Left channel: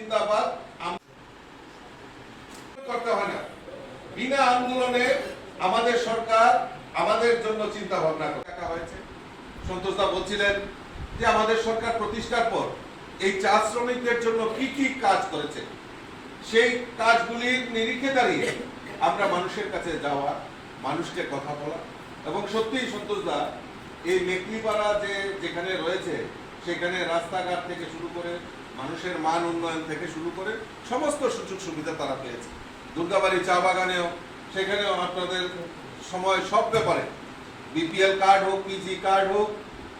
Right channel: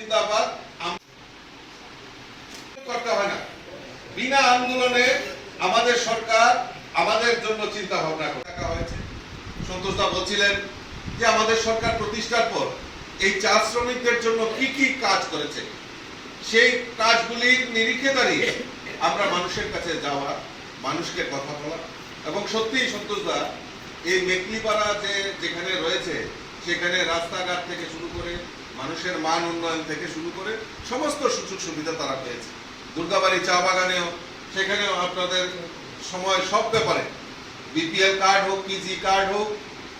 জিন্দাবাদ করতে হয় না। বিনা আন্দোলনে আমাদের সরকার আমাদের জন্য চিন্তা ভাবনা করা হয়েছে। সন্তোষদা বলছিলেন যে আমাদের সরকার প্রতিষ্ঠার পর এই চা শ্রমিকদের জন্য কি কি কাজ করেছে, সেই কাজগুলির নিরিখে দাঁড়িয়ে আমরা মানুষের কাছে যাওয়া, মানুষকে কথা বলা। এবং সত্যিই সন্তোষদা এই মেকলিপাড়া যেখানে রয়েছে সেখানে রাস্তাঘাট থেকে শুরু করে মানুষের মান উন্নয়ন থেকে শুরু করে সমস্ত সুযোগ সুবিধা তারা পেয়েছে। দুর্গাবাড়ি চা বাগানেও সেখানেও আপনাদের সময় সব ব্যাপারে বিপিএল কার্ড হোক, পিজি কার্ড হোক,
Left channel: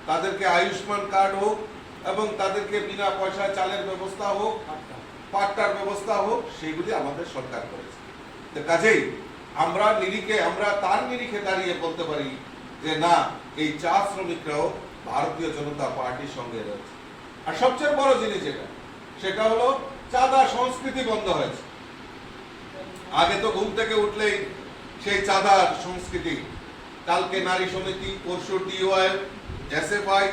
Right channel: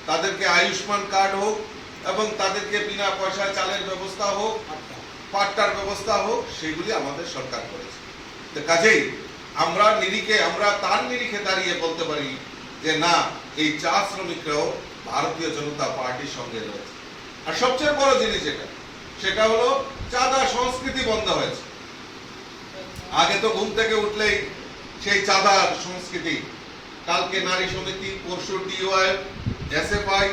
তাদেরকে আয়ুষ্মান কার্ড হোক এবং তাদেরকে বিনা পয়সায় চালের ব্যবস্থা হোক, পাট্টার ব্যবস্থা হোক, সেগুলি আমাদের সরকার করেছে। তো কাজেই আমরা তার নিরিখে দাঁড়িয়ে বলতে পারি যে না, এই চা শ্রমিকরাও ভারতীয় জনতা পার্টির সঙ্গে রয়েছে। আর সবচেয়ে বড় জিনিস সেটা হলো চাঁদা সংস্কৃতি বন্ধ হয়েছে। আগে তো ঘুম থেকে উঠলেই সেই চাঁদার সংস্কৃতি, কালকে নারী সমিতি, পরশু ডিওয়াই, এসএফআই,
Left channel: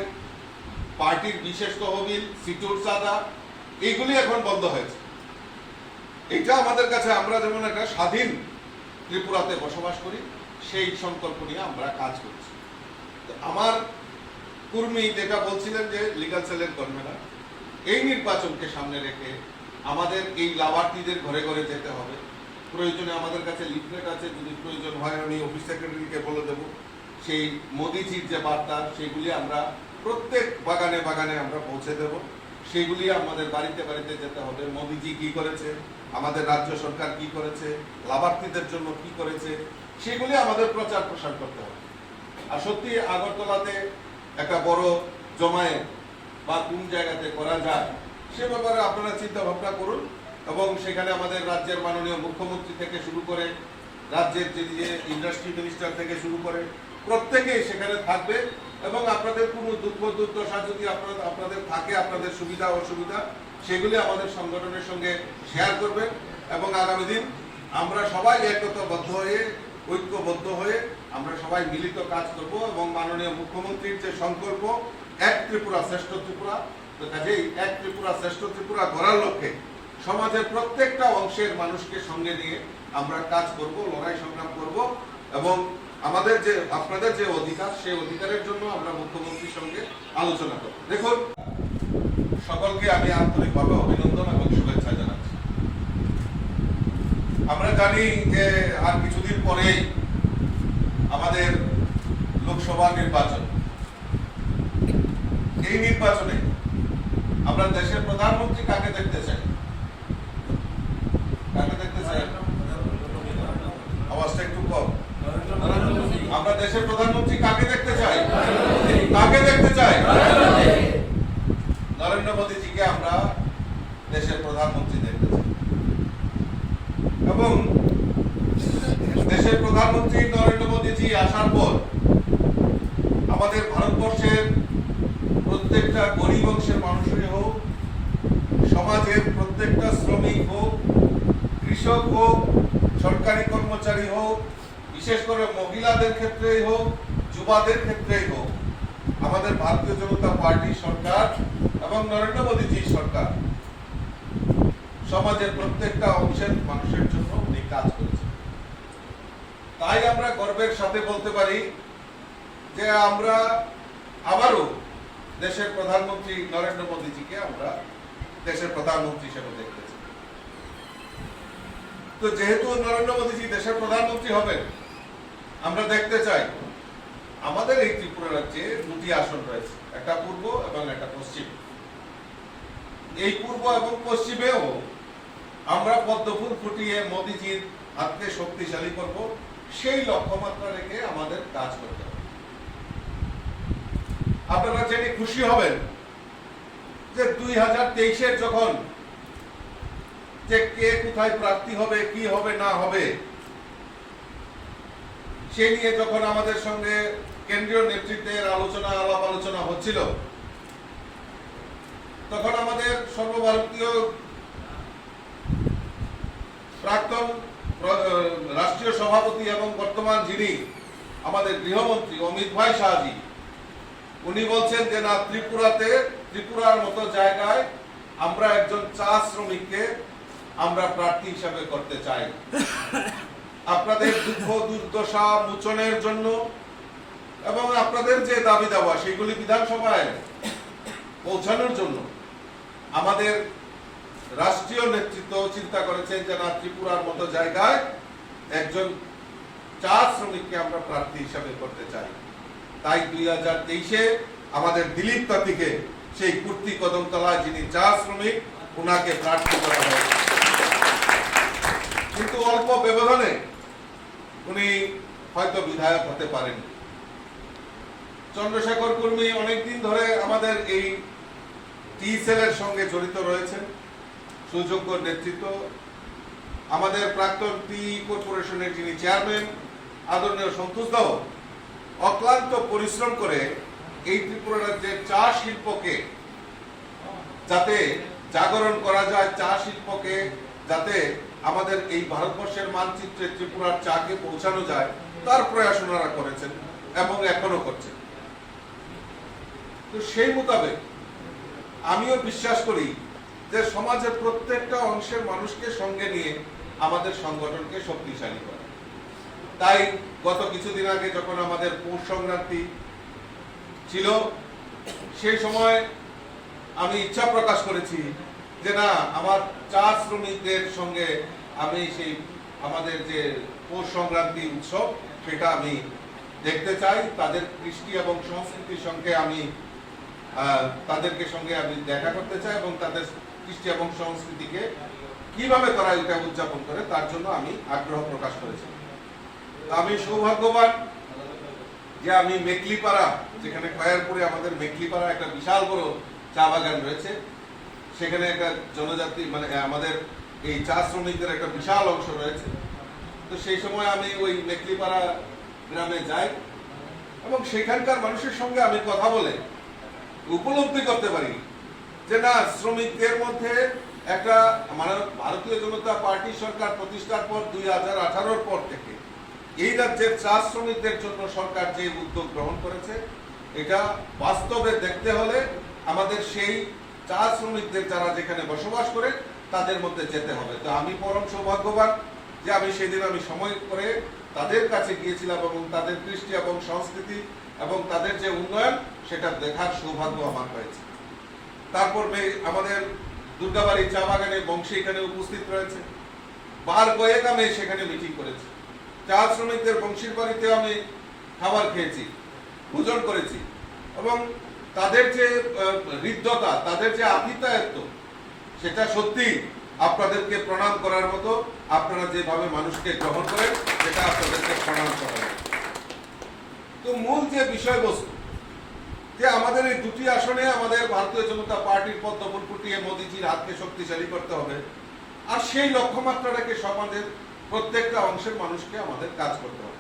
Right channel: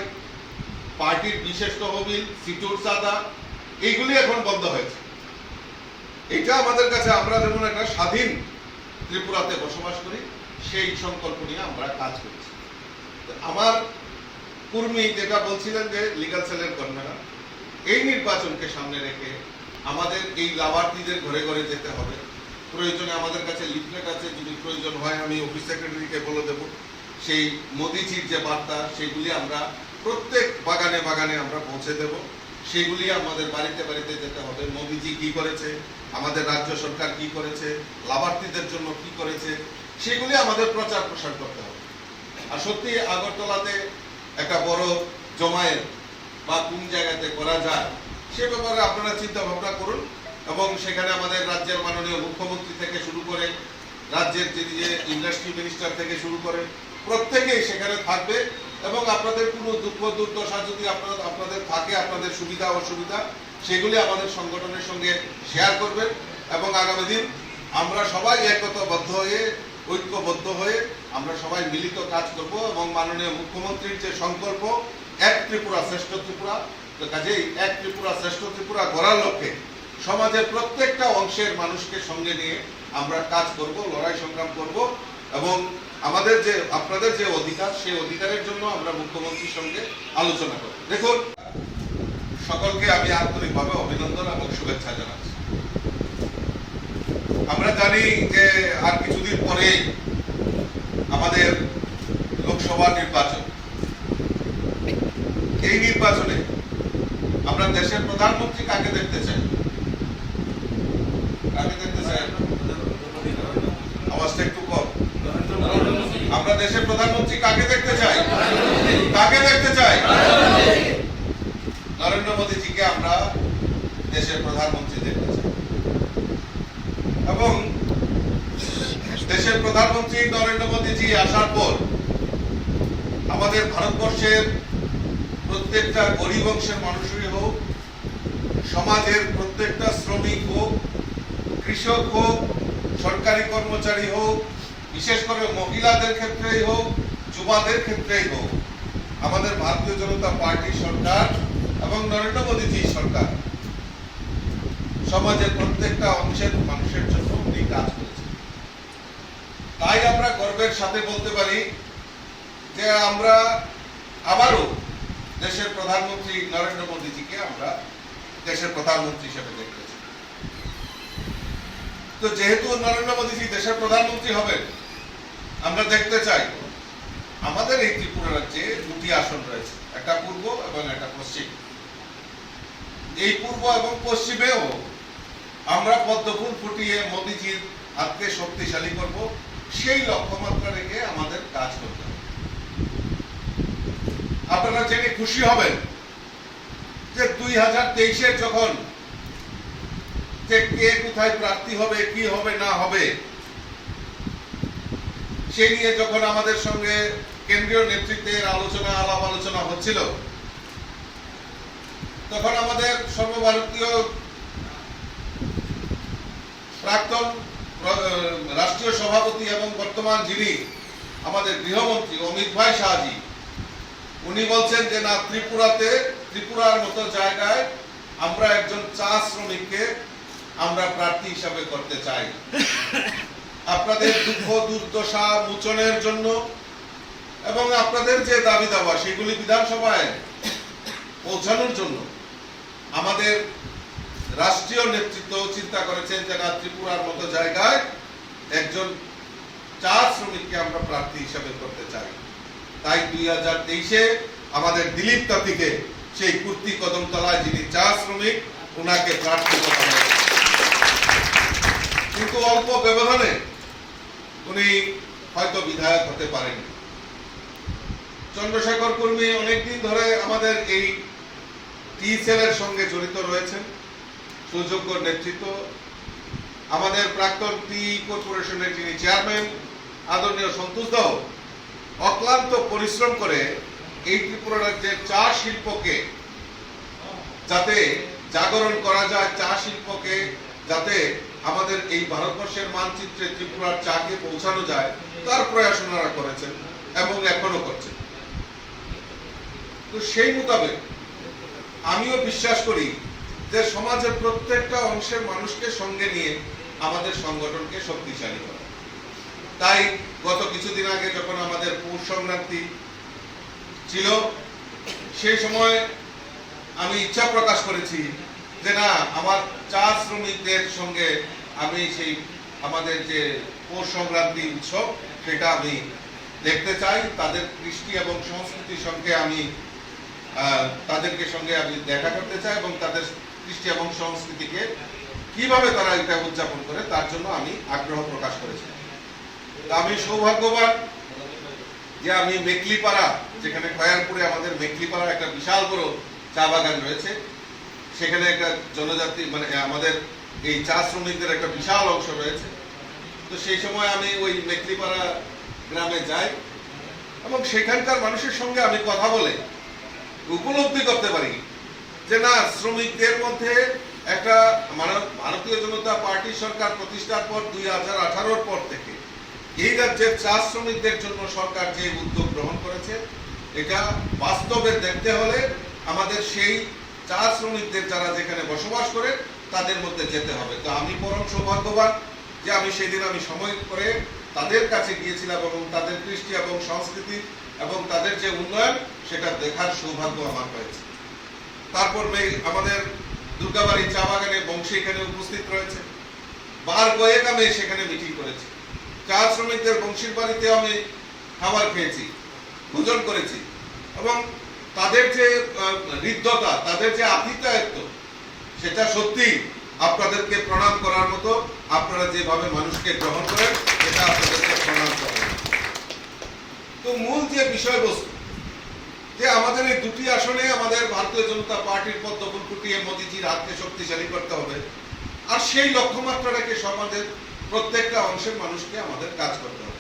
পার্টির বিশেষ তহবিল, সিটুর চাঁদা, এইগুলি এখন বন্ধ হয়েছে। এটা আমাদের কাছে, আমরা যেমন একটা স্বাধীন ত্রিপুরাতে বসবাস করি, সেই সংকল্প নিয়ে আমরা কাজ করছি। আমার কর্মী যেটা বলছিলেন যে লিগ্যাল সেলের কনভেনার, এই নির্বাচনকে সামনে রেখে আমাদের এই লাভার্থীদের ঘরে ঘরে যেতে হবে। প্রয়োজনে আমাদের কাছে লিফলেট আছে, যদি প্রয়োজন হয় আমি অফিস সেক্রেটারিকে বলে দেব। সেই মোদিজির যে বার্তা, সেগুলি আমরা প্রত্যেক বাগানে বাগানে আমরা পৌঁছে দেব। সেগুলি আমাদের বাড়িতে বাড়িতে যেতে হবে। মোদিজি কি করেছে, আমাদের রাজ্য সরকার কি করেছে, লাভার্থীদের জন্য কি করেছে, সেগুলি আমাদের প্রচার প্রসার করতে হবে। আর সত্যি আগরতলাতে একটা বড় জমায়েত বা কোন জায়গাতে করা যায় সে ব্যাপারে আপনারা চিন্তা ভাবনা করুন। এবং সেখানে আমাদের রাজ্যের মাননীয় মুখ্যমন্ত্রী থেকে শুরু করে রাজ্যের যে ইন্ডাস্ট্রি মিনিস্টার থেকে শুরু করে প্রত্যেকেই সেখানে থাকবে। এবং আপনাদের কোনো দুঃখ দুর্দশা যদি আপনাদের থাকে, আপনাদের সুবিধা অসুবিধা, সেগুলি আমাদের সংগঠনের সঙ্গে শেয়ার করবেন। এবং আগামী দিন আমরা সবাই ঐক্যবদ্ধ হয়ে আমরা সবাই মিলিত কাজ করব। এবং মাননীয় মুখ্যমন্ত্রীর যে সংকল্প, এক ত্রিপুরা শ্রেষ্ঠ ত্রিপুরা, তো কাজেই এক ত্রিপুরা শ্রেষ্ঠ ত্রিপুরা গড়ার লক্ষ্যে সমাজের প্রত্যেকটা অংশের মানুষকে সঙ্গে নিয়ে আমরা কাজ করব, লড়াই সংগ্রাম করব। এবং আমাদের যে আপনাদের যে অধিকার, সেই অধিকারের জন্য আমরা মুখ্যমন্ত্রীর সঙ্গে আলোচনা করব। দেখুন, সকলকে আমি আন্তরিকভাবে অভিনন্দন এবং শুভেচ্ছা জানাচ্ছি। আমরা জানি যে আর কিছুদিন পরে আমাদের লোকসভা নির্বাচন। এই নির্বাচনে আমরা দেশের প্রধানমন্ত্রী কাকে দেখতে চাই? কাকে দেখতে চাই? আওয়াজটা একটু কম। আমরা দেশের প্রধানমন্ত্রী কাকে দেখতে চাই? কাকে দেখতে চাই? নরেন্দ্র মোদীজিকে আমরা দেশের প্রধানমন্ত্রী দেখতে চাই। এবং দেশের প্রধানমন্ত্রী নরেন্দ্র মোদীজি আসার পর আমাদের ভারতবর্ষের প্রত্যেকটা গরিব অংশের মানুষই হোক, সমাজের প্রত্যেকটা শ্রমিক হোক, কৃষক হোক, সরকারি কর্মচারী হোক, বিশেষ করে মহিলাদের ক্ষেত্রেই হোক, যুবাদের ক্ষেত্রেই হোক, আমাদের ভারতীয় জনতা পার্টি সরকার এবং নরেন্দ্র মোদীজি সরকার সমাজের প্রত্যেকটা অংশের মানুষের জন্য উনি কাজ করেছেন। তাই আমরা গর্বের সাথে বলতে পারি যে আমরা আবারও দেশের প্রধানমন্ত্রী নরেন্দ্র মোদীজিকে আমরা দেশের প্রধানমন্ত্রী হিসেবে দেখতেছি। তো যেহেতু নরেন্দ্র মোদীজি দেশের প্রধানমন্ত্রী হবেন, আমরা দেখতে চাই আমাদের এই ত্রিপুরা রাজ্যে দুটি আসন রয়েছে, একটা পূর্ব এবং একটা পশ্চিম। এই পূর্ব এবং পশ্চিমেও আমরা পদ্মফুল ফুটিয়ে মোদীজির হাতকে শক্তিশালী করব, সেই লক্ষ্যমাত্রা রেখে আমাদের কাজ করতে হবে। আপনারা জেনে খুশি হবেন যে 2023-এর যখন যে কে কোথায় প্রার্থী হবে, কি হবে না হবে, সেই নিয়ে যখন আমাদের সঙ্গে কেন্দ্রীয় নেতৃত্বের আলাপ আলোচনা হচ্ছিল, তখন আমাদের সর্বভারতীয় প্রাক্তন রাষ্ট্রীয় সভাপতি এবং বর্তমান যিনি আমাদের গৃহমন্ত্রী অমিত ভাই শাহজি, উনি বলছেন যে না, ত্রিপুরার মতো জায়গায় আমরা একজন চা শ্রমিককে আমরা প্রার্থী হিসাবে করতে চাই। আপনাদের দুঃখ দুর্দশা মোচনের জন্য এবং আপনাদের যে দাবি দাওয়া সেগুলি বিধানসভায় পৌঁছানোর জন্য আমাদের রাষ্ট্রীয় নেতৃত্ব চিন্তা করেছেন যে না, ত্রিপুরার মতো জায়গায় একজন চা শ্রমিককে আমরা প্রার্থী হিসাবে করতে চাই। তাই 2023-এ আমাদের দিলীপ তাঁতিকে সেই কুর্তি কদমতলায় যিনি চা শ্রমিক ওনাকে প্রার্থী করা হয়েছে। কিন্তু অল্প ব্যবধানে উনি হয়তো বিধায়ক হতে পারেনি। চন্দ্রশেখর কর্মী অনেকদিন ধরে আমাদের এই টি সেলের সঙ্গে জড়িত রয়েছেন, সুযোগ্য নেতৃত্ব। আমাদের প্রাক্তন টি কর্পোরেশনের যিনি চেয়ারম্যান আদরণীয় সন্তোষ দাও অক্লান্ত পরিশ্রম করে এই ত্রিপুরা রাজ্যের চা শিল্পকে যাতে জাগরণ করা যায়, চা শিল্পকে যাতে আমাদের এই ভারতবর্ষের মানচিত্রে ত্রিপুরার চাকে পৌঁছানো যায় তার প্রয়াস ওনারা করেছেন এবং এখনো করছেন। তো সেই মোতাবেক আমিও বিশ্বাস করি যে সমাজের প্রত্যেকটা অংশের মানুষকে সঙ্গে নিয়ে আমাদের সংগঠনকে শক্তিশালী করা। তাই গত কিছুদিন আগে যখন আমাদের পৌষ সংক্রান্তি ছিল সেই সময় আমি ইচ্ছা প্রকাশ করেছি যে না, আমার চা শ্রমিকদের সঙ্গে আমি সেই আমাদের যে পৌষ সংক্রান্তি উৎসব সেটা আমি দেখতে চাই। তাদের কৃষ্টি এবং সংস্কৃতির সঙ্গে আমি তাদেরকে সঙ্গে আমি দেখা করতে চাই এবং তাদের কৃষ্টি এবং সংস্কৃতিকে কিভাবে তারা এটা উদযাপন করে তার জন্য আমি আগ্রহ প্রকাশ করেছি। আমি সৌভাগ্যবান যে আমি মেকলিপাড়া, যেখানে খয়ারপুরে আমাদের মেকলিপাড়া একটা বিশাল বড় চা বাগান রয়েছে, সেখানে একটা জনজাতি মানে আমাদের এই চা শ্রমিকদের একটা বিশাল অংশ রয়েছে। তো সেই সময় আমি ওই মেকলিপাড়া গ্রামে যাই এবং সেখানকার মানুষের সঙ্গে আমি কথা বলে উপলব্ধি করতে পারি যে না, শ্রমিকদের মধ্যে একটা মানে ভারতীয় জনতা পার্টি সরকার প্রতিষ্ঠার পর 2018-র পর থেকে এই রাজ্যের চা শ্রমিকদের জন্য সরকার যে উদ্যোগ গ্রহণ করেছে এটা বাস্তবে দেখতে হলে আমাদের সেই চা শ্রমিকদের যারা যেখানে বসবাস করে তাদের মধ্যে যেতে হবে। তো আমি পরম সৌভাগ্যবান যে আমি সেদিন আমি সময় করে তাদের কাছে গিয়েছিলাম এবং তাদের কৃষ্টি এবং সংস্কৃতি এবং তাদের যে উন্নয়ন সেটা দেখার সৌভাগ্য আমার হয়েছে। তারপর আমাদের দুর্গাবাড়ি চা বাগানে বংশী এখানে উপস্থিত রয়েছে, বার কয়েক আমি সেখানে মিটিং করেছি। চা শ্রমিকদের বংশীর বাড়িতে আমি খাবার খেয়েছি, ভোজন করেছি এবং তাদের যে হৃদ্যতা, তাদের যে আতিথ্যায়ত্ব সেটা সত্যি আপনাদেরকে প্রণাম করার মতো। আপনারা যেভাবে মানুষকে গ্রহণ করেন সেটা আপনাদেরকে প্রণাম করার মতো। তো মূল যে বিষয়বস্তু যে আমাদের এই দুটি আসনে আমাদের ভারতীয় জনতা পার্টির পদ্ম ফুল ফুটিয়ে মোদিজির হাতকে শক্তিশালী করতে হবে, আর সেই লক্ষ্যমাত্রাটাকে সমাজের প্রত্যেকটা অংশের মানুষকে আমাদের কাজ করতে হবে।